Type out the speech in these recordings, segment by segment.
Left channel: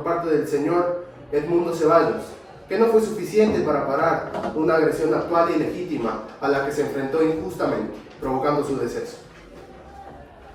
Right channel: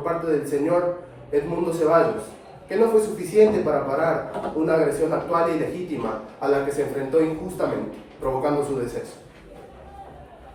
por parte del señor Edmundo Ceballos, que no fue suficiente para parar una agresión actual y legítima a la que se enfrentó injustamente, provocando su deceso.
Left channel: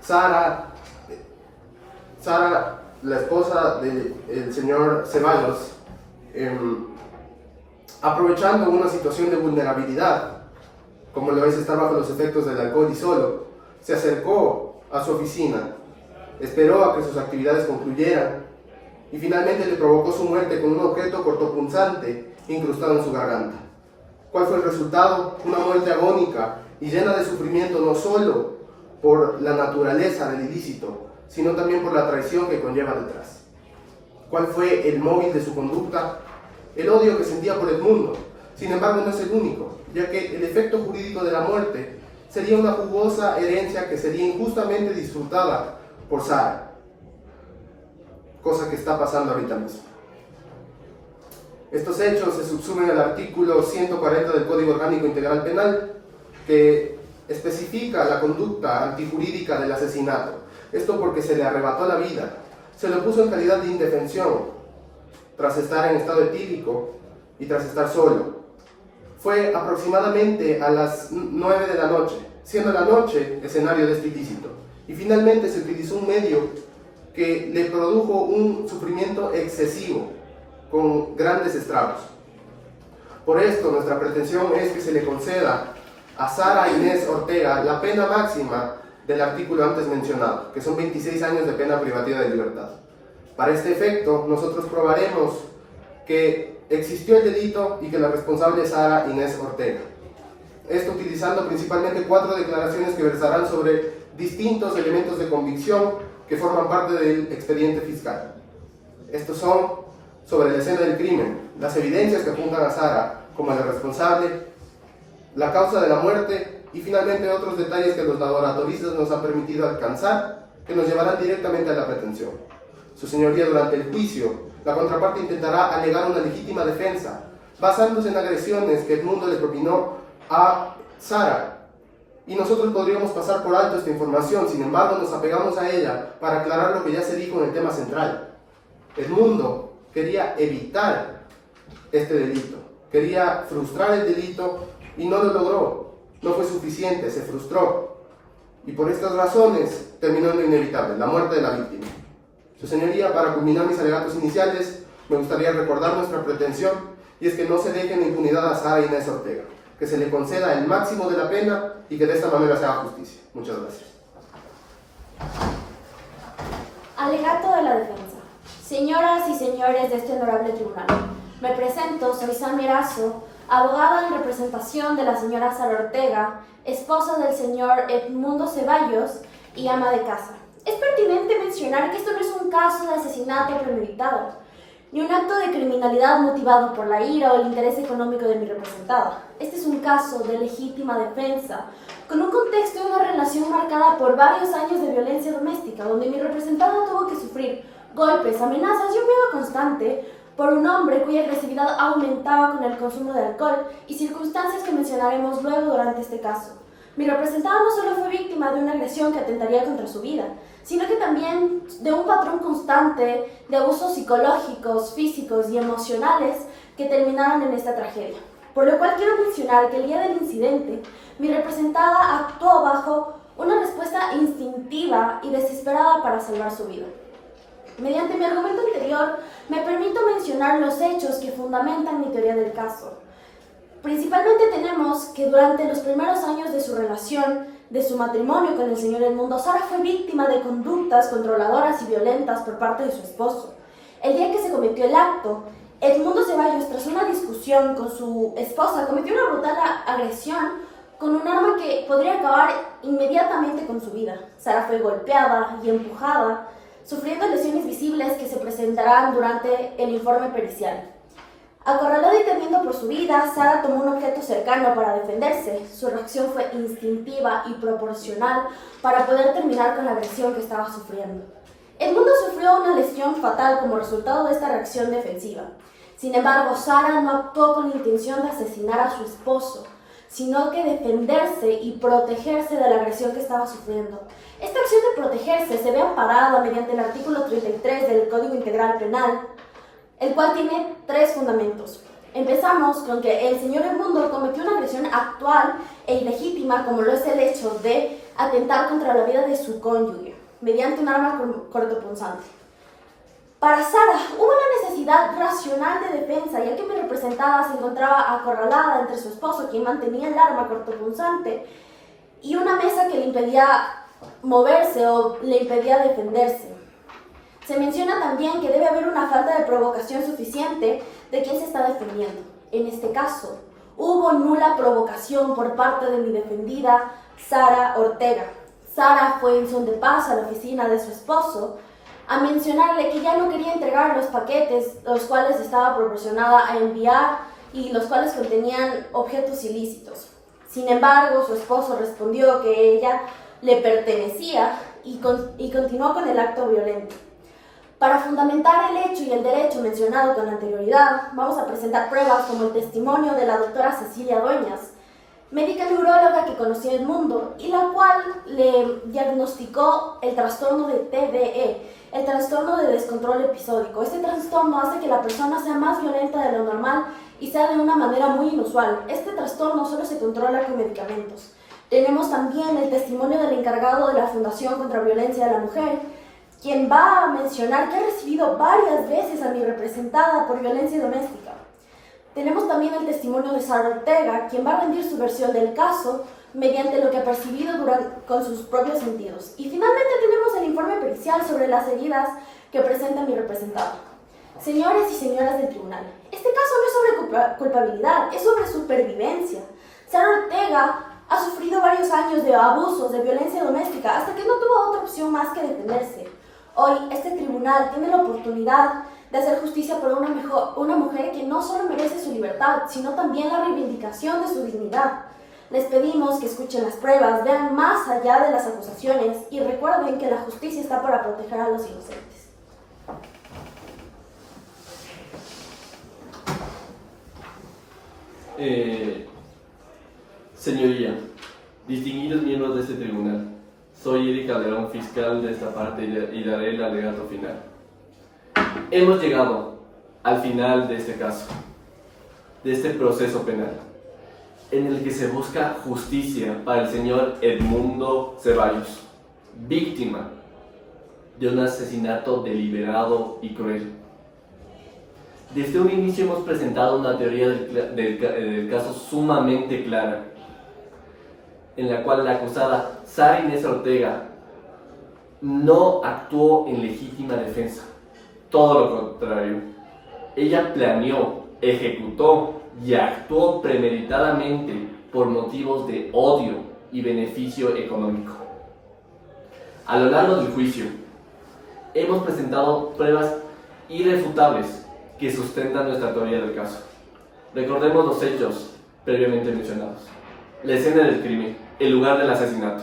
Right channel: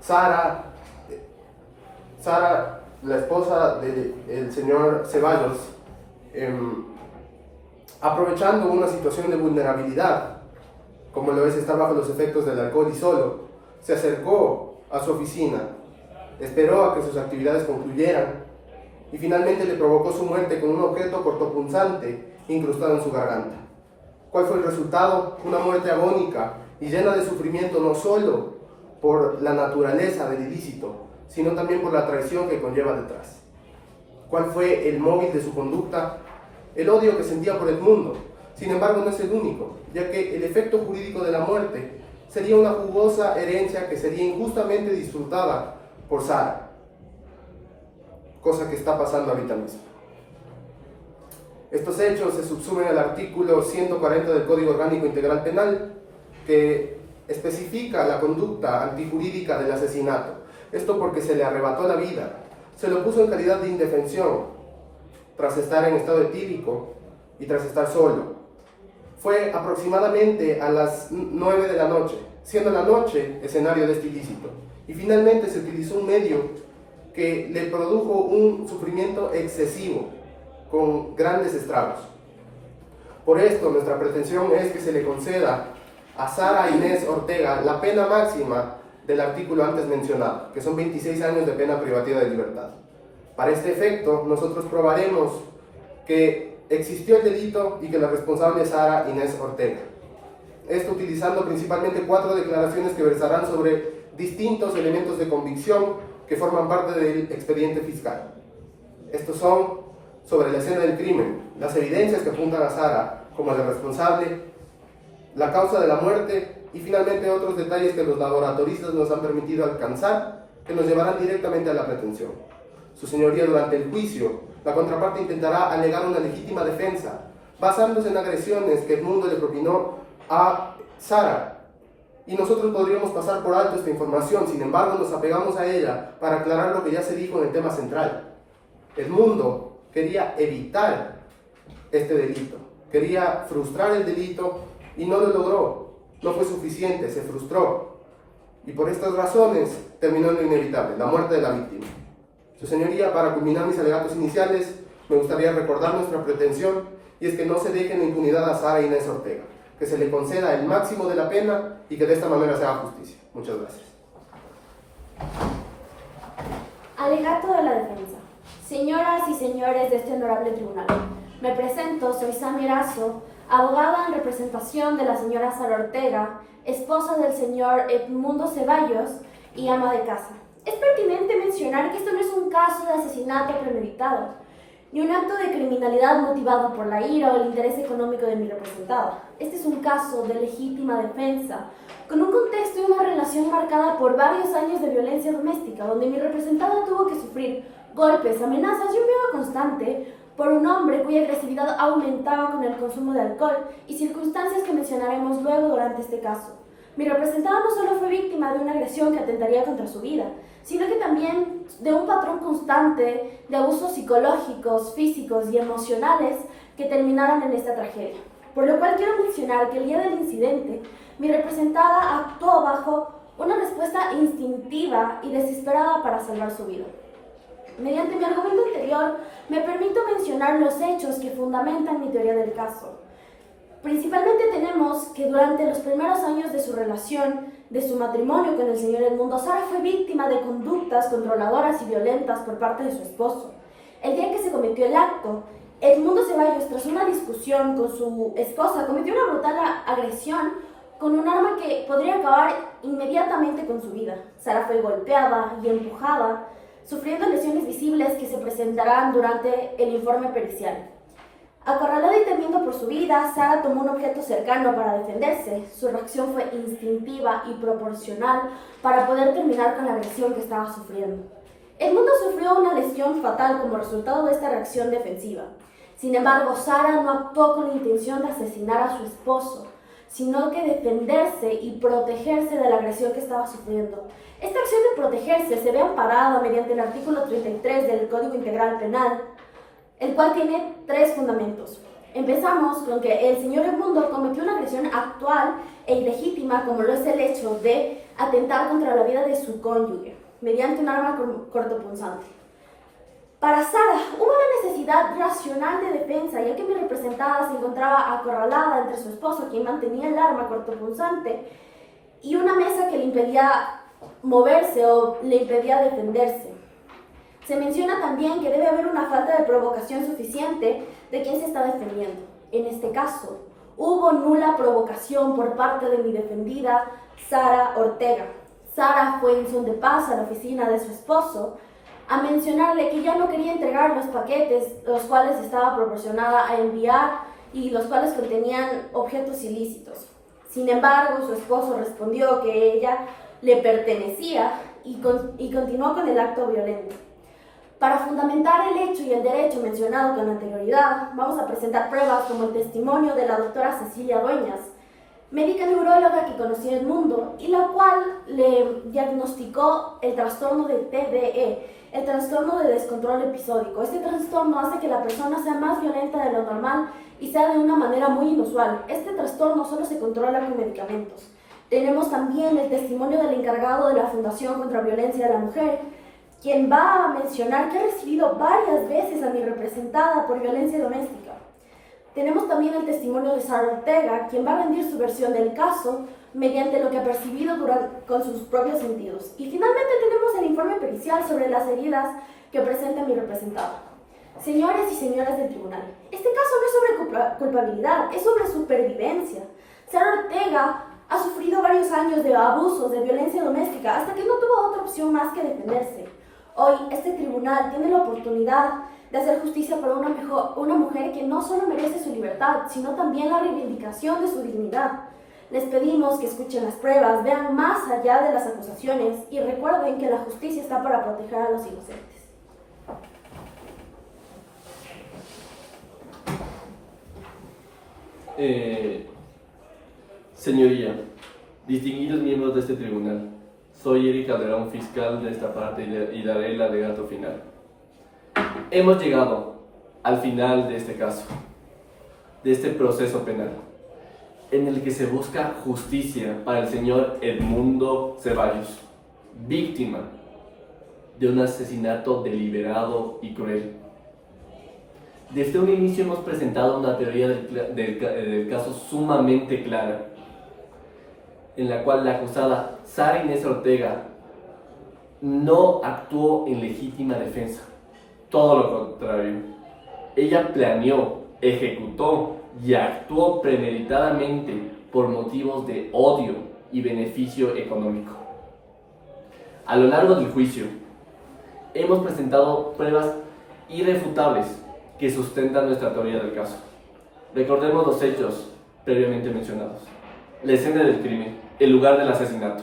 Sara, la esposa del señor Ceballos, aprovechando una situación de vulnerabilidad, como lo es estar bajo los efectos del alcohol y solo, se acercó a su oficina, esperó a que sus actividades concluyeran y finalmente le provocó su muerte con un objeto cortopunzante incrustado en su garganta. ¿Cuál fue el resultado? Una muerte agónica y llena de sufrimiento, no solo por la naturaleza del ilícito, sino también por la traición que conlleva detrás. ¿Cuál fue el móvil de su conducta? El odio que sentía por Edmundo. Sin embargo, no es el único, ya que el efecto jurídico de la muerte sería una jugosa herencia que sería injustamente disfrutada por Sara, cosa que está pasando ahorita mismo. Estos hechos se subsumen al artículo 140 del Código Orgánico Integral Penal, que especifica la conducta antijurídica del asesinato. Esto porque se le arrebató la vida, se lo puso en calidad de indefensión, tras estar en estado etílico y tras estar solo. Fue aproximadamente a las 9 de la noche, siendo la noche escenario de este ilícito. Y finalmente se utilizó un medio que le produjo un sufrimiento excesivo, con grandes estragos. Por esto, nuestra pretensión es que se le conceda a Sara Inés Ortega la pena máxima del artículo antes mencionado, que son 26 años de pena privativa de libertad. Para este efecto, nosotros probaremos que existió el delito y que la responsable es Sara Inés Ortega. Esto utilizando principalmente 4 declaraciones que versarán sobre distintos elementos de convicción que forman parte del expediente fiscal. Estos son sobre la escena del crimen, las evidencias que apuntan a Sara como la responsable, la causa de la muerte y finalmente otros detalles que los laboratoristas nos han permitido alcanzar que nos llevarán directamente a la pretensión. Su señoría, durante el juicio, la contraparte intentará alegar una legítima defensa basándose en agresiones que Edmundo le propinó a Sara, y nosotros podríamos pasar por alto esta información. Sin embargo, nos apegamos a ella para aclarar lo que ya se dijo en el tema central. Edmundo quería evitar este delito, quería frustrar el delito y no lo logró, no fue suficiente, se frustró y por estas razones terminó en lo inevitable, la muerte de la víctima. Su señoría, para culminar mis alegatos iniciales, me gustaría recordar nuestra pretensión, y es que no se deje en impunidad a Sara Inés Ortega, que se le conceda el máximo de la pena y que de esta manera se haga justicia. Muchas gracias. Alegato de la defensa. Señoras y señores de este honorable tribunal, me presento, soy Sammy Erazo, abogada en representación de la señora Sara Ortega, esposa del señor Edmundo Ceballos y ama de casa. Es pertinente mencionar que esto no es un caso de asesinato premeditado, ni un acto de criminalidad motivado por la ira o el interés económico de mi representada. Este es un caso de legítima defensa, con un contexto de una relación marcada por varios años de violencia doméstica, donde mi representada tuvo que sufrir golpes, amenazas y un miedo constante por un hombre cuya agresividad aumentaba con el consumo de alcohol y circunstancias que mencionaremos luego durante este caso. Mi representada no solo fue víctima de una agresión que atentaría contra su vida, sino que también de un patrón constante de abusos psicológicos, físicos y emocionales que terminaron en esta tragedia. Por lo cual quiero mencionar que el día del incidente, mi representada actuó bajo una respuesta instintiva y desesperada para salvar su vida. Mediante mi argumento anterior, me permito mencionar los hechos que fundamentan mi teoría del caso. Principalmente tenemos que durante los primeros años de su relación, de su matrimonio con el señor Edmundo, Sara fue víctima de conductas controladoras y violentas por parte de su esposo. El día que se cometió el acto, Edmundo Ceballos, tras una discusión con su esposa, cometió una brutal agresión con un arma que podría acabar inmediatamente con su vida. Sara fue golpeada y empujada, sufriendo lesiones visibles que se presentarán durante el informe pericial. Acorralada y temiendo por su vida, Sara tomó un objeto cercano para defenderse. Su reacción fue instintiva y proporcional para poder terminar con la agresión que estaba sufriendo. Edmundo sufrió una lesión fatal como resultado de esta reacción defensiva. Sin embargo, Sara no actuó con la intención de asesinar a su esposo, sino que defenderse y protegerse de la agresión que estaba sufriendo. Esta acción de protegerse se ve amparada mediante el artículo 33 del Código Integral Penal, el cual tiene 3 fundamentos. Empezamos con que el señor Edmundo cometió una agresión actual e ilegítima, como lo es el hecho de atentar contra la vida de su cónyuge, mediante un arma cortopunzante. Para Sara, hubo la necesidad racional de defensa, ya que mi representada se encontraba acorralada entre su esposo, quien mantenía el arma cortopunzante, y una mesa que le impedía moverse o le impedía defenderse. Se menciona también que debe haber una falta de provocación suficiente de quien se está defendiendo. En este caso, hubo nula provocación por parte de mi defendida, Sara Ortega. Sara fue en son de paz a la oficina de su esposo a mencionarle que ya no quería entregar los paquetes, los cuales estaba proporcionada a enviar y los cuales contenían objetos ilícitos. Sin embargo, su esposo respondió que ella le pertenecía y continuó con el acto violento. Para fundamentar el hecho y el derecho mencionado con anterioridad, vamos a presentar pruebas como el testimonio de la doctora Cecilia Dueñas, médica neuróloga que conocía el mundo y la cual le diagnosticó el trastorno de TDE, el trastorno de descontrol episódico. Este trastorno hace que la persona sea más violenta de lo normal y sea de una manera muy inusual. Este trastorno solo se controla con medicamentos. Tenemos también el testimonio del encargado de la Fundación contra Violencia de la Mujer, quien va a mencionar que ha recibido varias veces a mi representada por violencia doméstica. Tenemos también el testimonio de Sara Ortega, quien va a rendir su versión del caso mediante lo que ha percibido con sus propios sentidos. Y finalmente tenemos el informe pericial sobre las heridas que presenta mi representada. Señores y señoras del tribunal, este caso no es sobre culpabilidad, es sobre supervivencia. Sara Ortega ha sufrido varios años de abusos, de violencia doméstica, hasta que no tuvo otra opción más que defenderse. Hoy, este tribunal tiene la oportunidad de hacer justicia por una mujer que no solo merece su libertad, sino también la reivindicación de su dignidad. Les pedimos que escuchen las pruebas, vean más allá de las acusaciones y recuerden que la justicia está para proteger a los inocentes. Señoría, distinguidos miembros de este tribunal, soy Eric Calderón, fiscal de esta parte y daré el alegato final. Hemos llegado al final de este caso, de este proceso penal, en el que se busca justicia para el señor Edmundo Ceballos, víctima de un asesinato deliberado y cruel. Desde un inicio hemos presentado una teoría del caso sumamente clara, en la cual la acusada Sara Inés Ortega no actuó en legítima defensa, todo lo contrario. Ella planeó, ejecutó y actuó premeditadamente por motivos de odio y beneficio económico. A lo largo del juicio, hemos presentado pruebas irrefutables que sustentan nuestra teoría del caso. Recordemos los hechos previamente mencionados. La escena del crimen, el lugar del asesinato.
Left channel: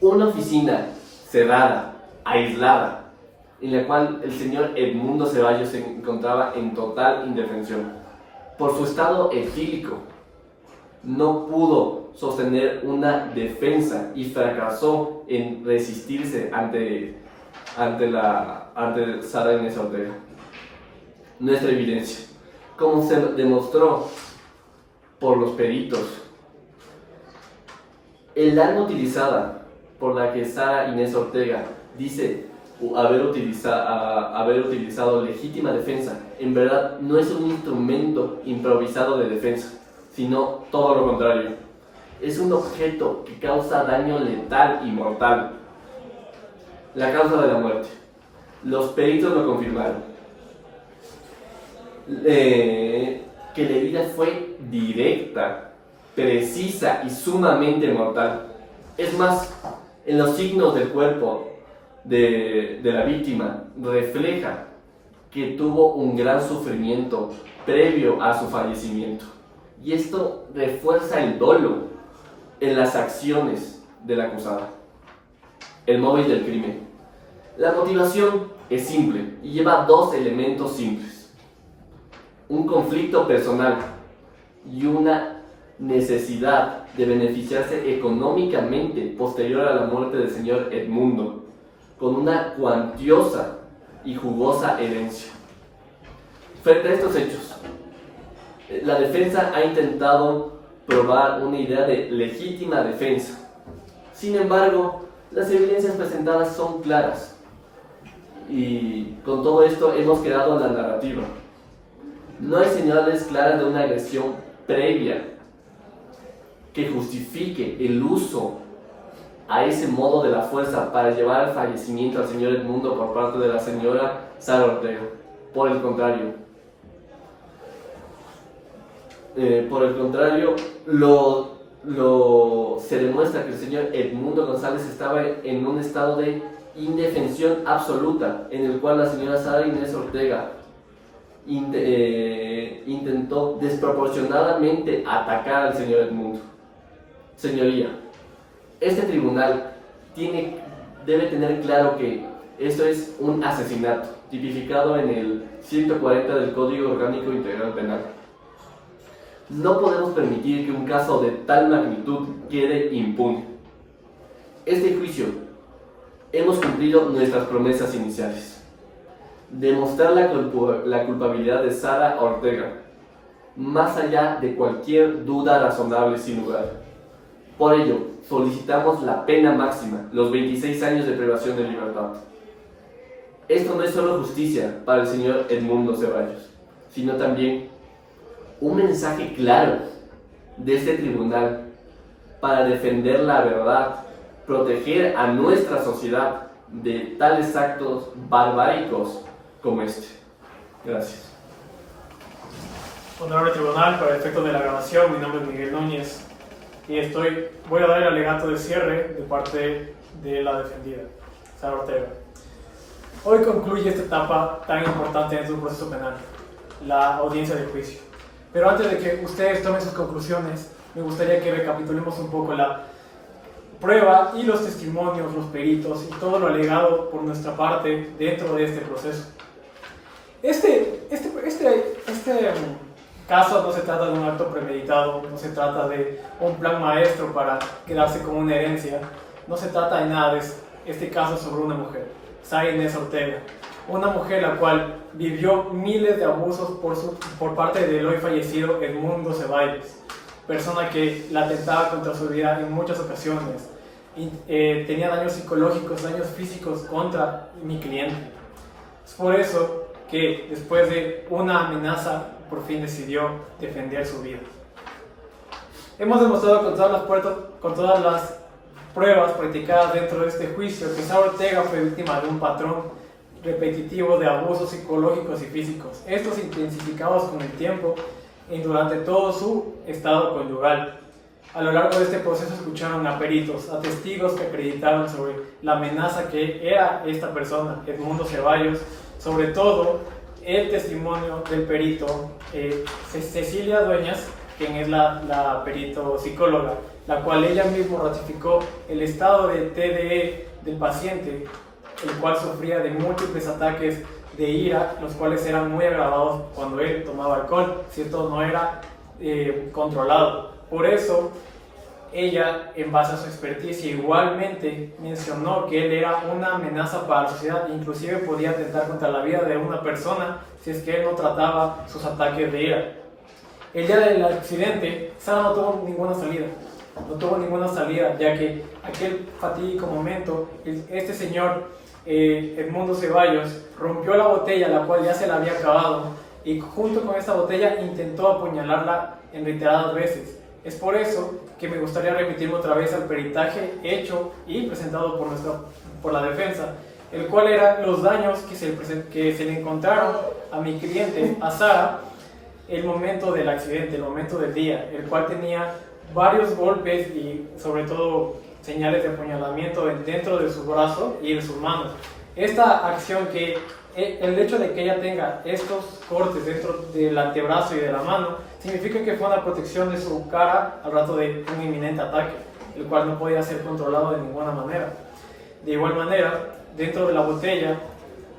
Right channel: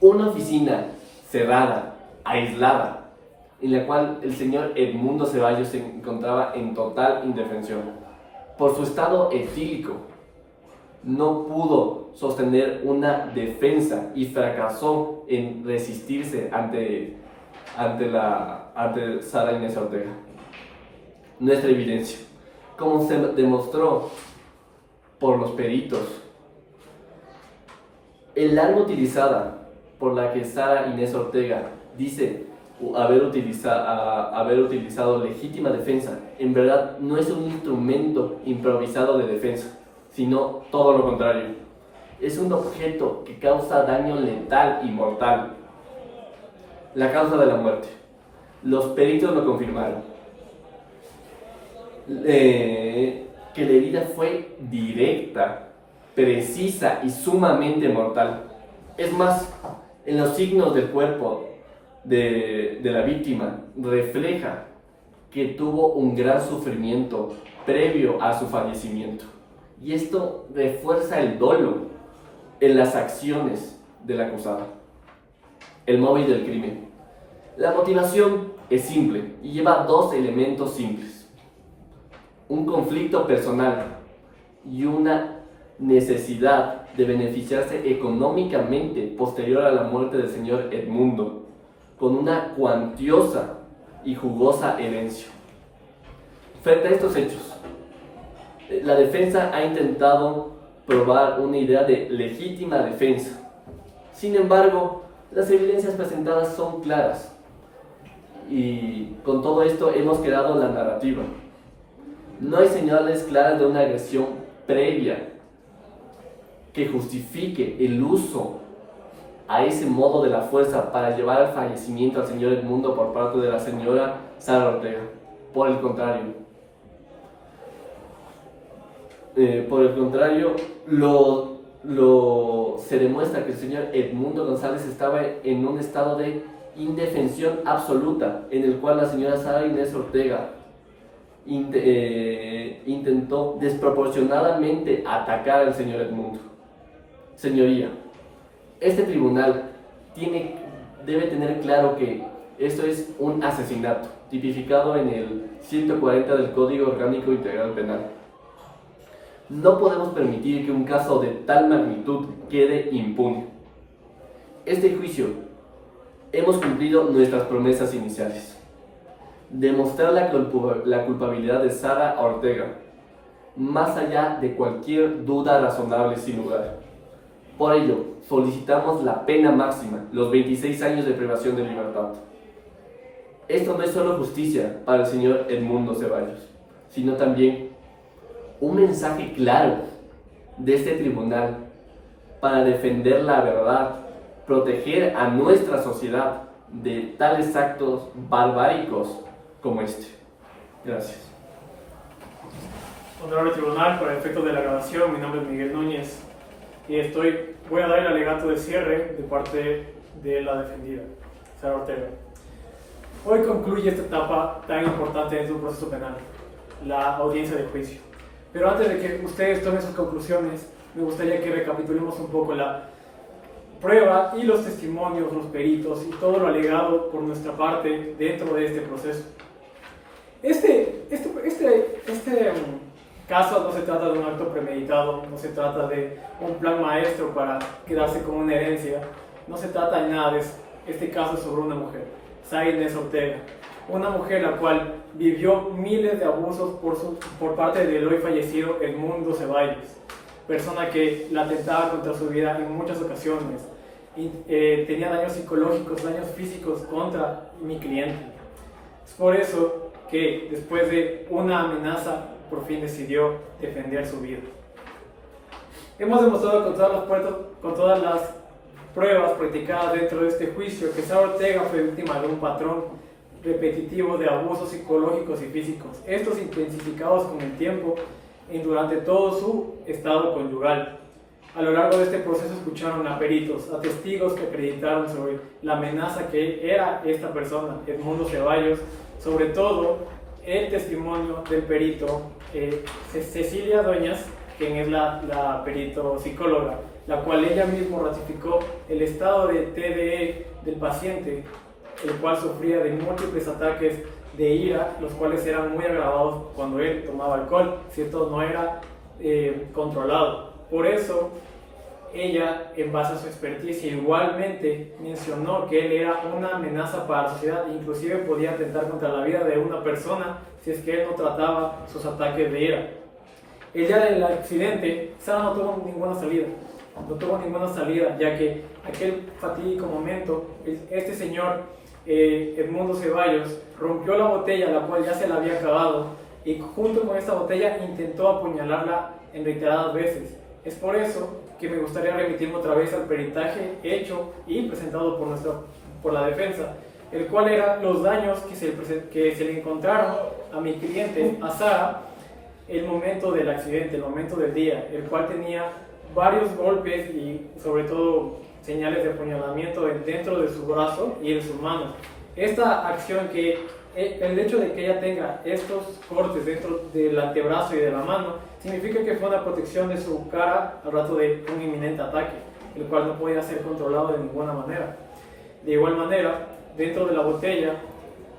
Una oficina cerrada, aislada, en la cual el señor Edmundo Ceballos se encontraba en total indefensión. Por su estado etílico, no pudo sostener una defensa y fracasó en resistirse ante Sara Inés Ortega. Nuestra evidencia, como se demostró por los peritos, el arma utilizada por la que Sara Inés Ortega dice haber utilizado legítima defensa, en verdad no es un instrumento improvisado de defensa, sino todo lo contrario. Es un objeto que causa daño letal y mortal. La causa de la muerte. Los peritos lo confirmaron. Que la herida fue directa, precisa y sumamente mortal. Es más, en los signos del cuerpo de la víctima refleja que tuvo un gran sufrimiento previo a su fallecimiento. Y esto refuerza el dolo en las acciones de la acusada. El móvil del crimen. La motivación es simple y lleva dos elementos simples: un conflicto personal y una necesidad de beneficiarse económicamente posterior a la muerte del señor Edmundo, con una cuantiosa y jugosa herencia. Frente a estos hechos, la defensa ha intentado probar una idea de legítima defensa. Sin embargo, las evidencias presentadas son claras y con todo esto hemos creado la narrativa. No hay señales claras de una agresión previa que justifique el uso a ese modo de la fuerza para llevar al fallecimiento al señor Edmundo por parte de la señora Sara Ortega. Por el contrario, se demuestra que el señor Edmundo González estaba en un estado de indefensión absoluta, en el cual la señora Sara Inés Ortega intentó desproporcionadamente atacar al señor Edmundo. Señoría, este tribunal debe tener claro que esto es un asesinato, tipificado en el 140 del Código Orgánico Integral Penal. No podemos permitir que un caso de tal magnitud quede impune. Este juicio hemos cumplido nuestras promesas iniciales. Demostrar la culpabilidad de Sara Ortega, más allá de cualquier duda razonable sin lugar. Por ello, solicitamos la pena máxima, los 26 años de privación de libertad. Esto no es solo justicia para el señor Edmundo Ceballos, sino también un mensaje claro de este tribunal para defender la verdad, proteger a nuestra sociedad de tales actos barbáricos como este. Gracias. Honorable Tribunal, para efectos de la grabación, mi nombre es Miguel Núñez y voy a dar el alegato de cierre de parte de la defendida, Sara Ortega. Hoy concluye esta etapa tan importante en su proceso penal, la audiencia de juicio. Pero antes de que ustedes tomen sus conclusiones, me gustaría que recapitulemos un poco la prueba y los testimonios, los peritos y todo lo alegado por nuestra parte dentro de este proceso. Este caso no se trata de un acto premeditado, no se trata de un plan maestro para quedarse con una herencia, no se trata de nada. Este caso es sobre una mujer, Sara Inés Ortega, una mujer la cual vivió miles de abusos por parte del hoy fallecido Edmundo Ceballos, persona que la atentaba contra su vida en muchas ocasiones, y tenía daños psicológicos, daños físicos contra mi cliente. Es por eso que después de una amenaza por fin decidió defender su vida. Hemos demostrado con todas las pruebas practicadas dentro de este juicio que Sara Ortega fue víctima de un patrón repetitivo de abusos psicológicos y físicos, estos intensificados con el tiempo y durante todo su estado conyugal. A lo largo de este proceso escucharon a peritos, a testigos que acreditaron sobre la amenaza que era esta persona, Edmundo Ceballos, sobre todo el testimonio del perito Cecilia Dueñas, quien es la perito psicóloga, la cual ella misma ratificó el estado de TDE del paciente, el cual sufría de múltiples ataques de ira, los cuales eran muy agravados cuando él tomaba alcohol, ¿cierto? No era controlado. Por eso, ella, en base a su experticia, igualmente mencionó que él era una amenaza para la sociedad, inclusive podía atentar contra la vida de una persona si es que él no trataba sus ataques de ira. El día del accidente, Sara no tuvo ninguna salida, ya que aquel fatídico momento, este señor Edmundo Ceballos rompió la botella, la cual ya se la había acabado, y junto con esta botella intentó apuñalarla en reiteradas veces. Es por eso que me gustaría remitirme otra vez al peritaje hecho y presentado por la defensa, el cual eran los daños que se le encontraron a mi cliente, a Sara, el momento del accidente, el momento del día, el cual tenía varios golpes y sobre todo señales de apuñalamiento dentro de su brazo y en sus manos. Esta acción, el hecho de que ella tenga estos cortes dentro del antebrazo y de la mano, significa que fue una protección de su cara al rato de un inminente ataque, el cual no podía ser controlado de ninguna manera. De igual manera, dentro de la botella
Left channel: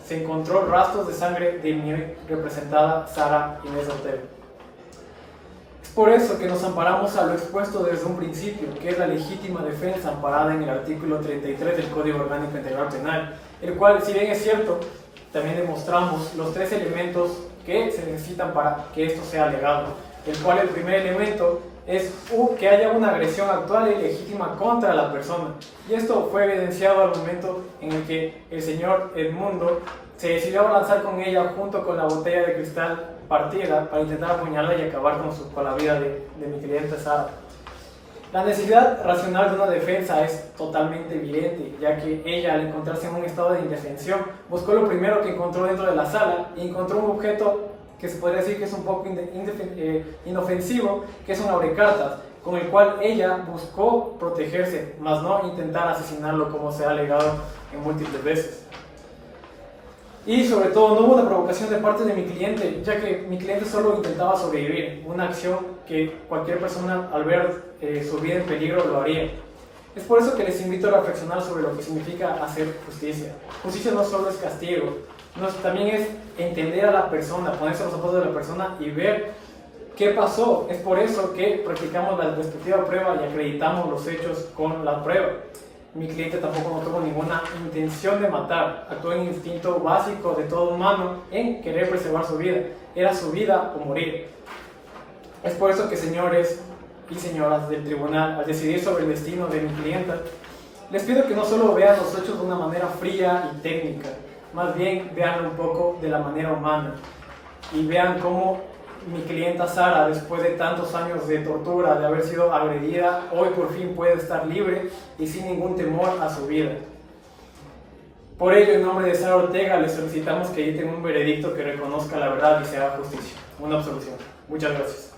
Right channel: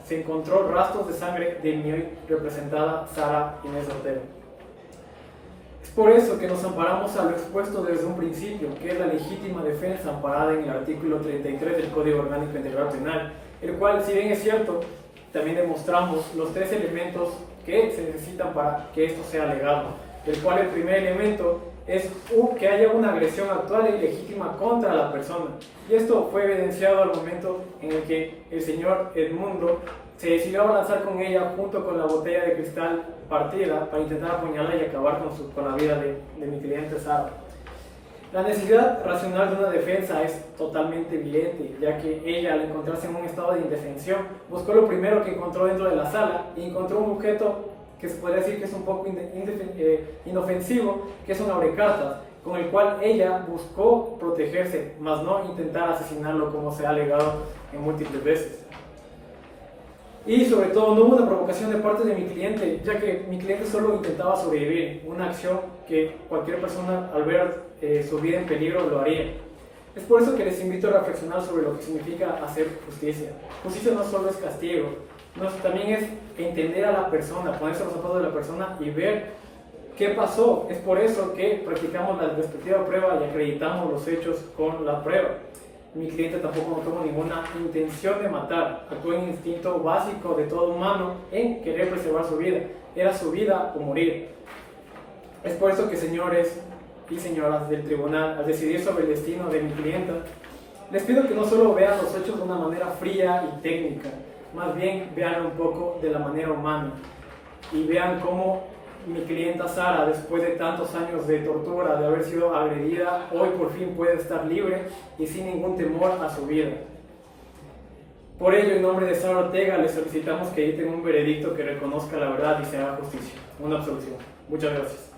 se encontró rastros de sangre de mi representada Sara Inés Ortega. Es por eso que nos amparamos a lo expuesto desde un principio, que es la legítima defensa amparada en el artículo 33 del Código Orgánico Integral Penal, el cual, si bien es cierto, también demostramos los 3 elementos que se necesitan para que esto sea alegado, el cual el primer elemento es que haya una agresión actual y legítima contra la persona. Y esto fue evidenciado al momento en el que el señor Edmundo se decidió abalanzar con ella junto con la botella de cristal partida para intentar apuñalarla y acabar con la vida de mi cliente Sara. La necesidad racional de una defensa es totalmente evidente, ya que ella, al encontrarse en un estado de indefensión, buscó lo primero que encontró dentro de la sala y encontró un objeto que se puede decir que es un poco inofensivo, que es un abrecartas, con el cual ella buscó protegerse, más no intentar asesinarlo como se ha alegado en múltiples veces. Y sobre todo no hubo una provocación de parte de mi cliente, ya que mi cliente solo intentaba sobrevivir, una acción que cualquier persona al ver su vida en peligro lo haría. Es por eso que les invito a reflexionar sobre lo que significa hacer justicia. Justicia no solo es castigo, también es entender a la persona, ponerse los zapatos de la persona y ver qué pasó. Es por eso que practicamos la respectiva prueba y acreditamos los hechos con la prueba. Mi cliente tampoco no tuvo ninguna intención de matar, actuó en instinto básico de todo humano en querer preservar su vida. Era su vida o morir. Es por eso que, señores y señoras del tribunal, al decidir sobre el destino de mi clienta, les pido que no solo vean los hechos de una manera fría y técnica, más bien vean un poco de la manera humana y vean cómo mi clienta Sara, después de tantos años de tortura, de haber sido agredida, hoy por fin puede estar libre y sin ningún temor a su vida. Por ello, en nombre de Sara Ortega, les solicitamos que editen un veredicto que reconozca la verdad y se haga justicia. Una absolución. Muchas gracias.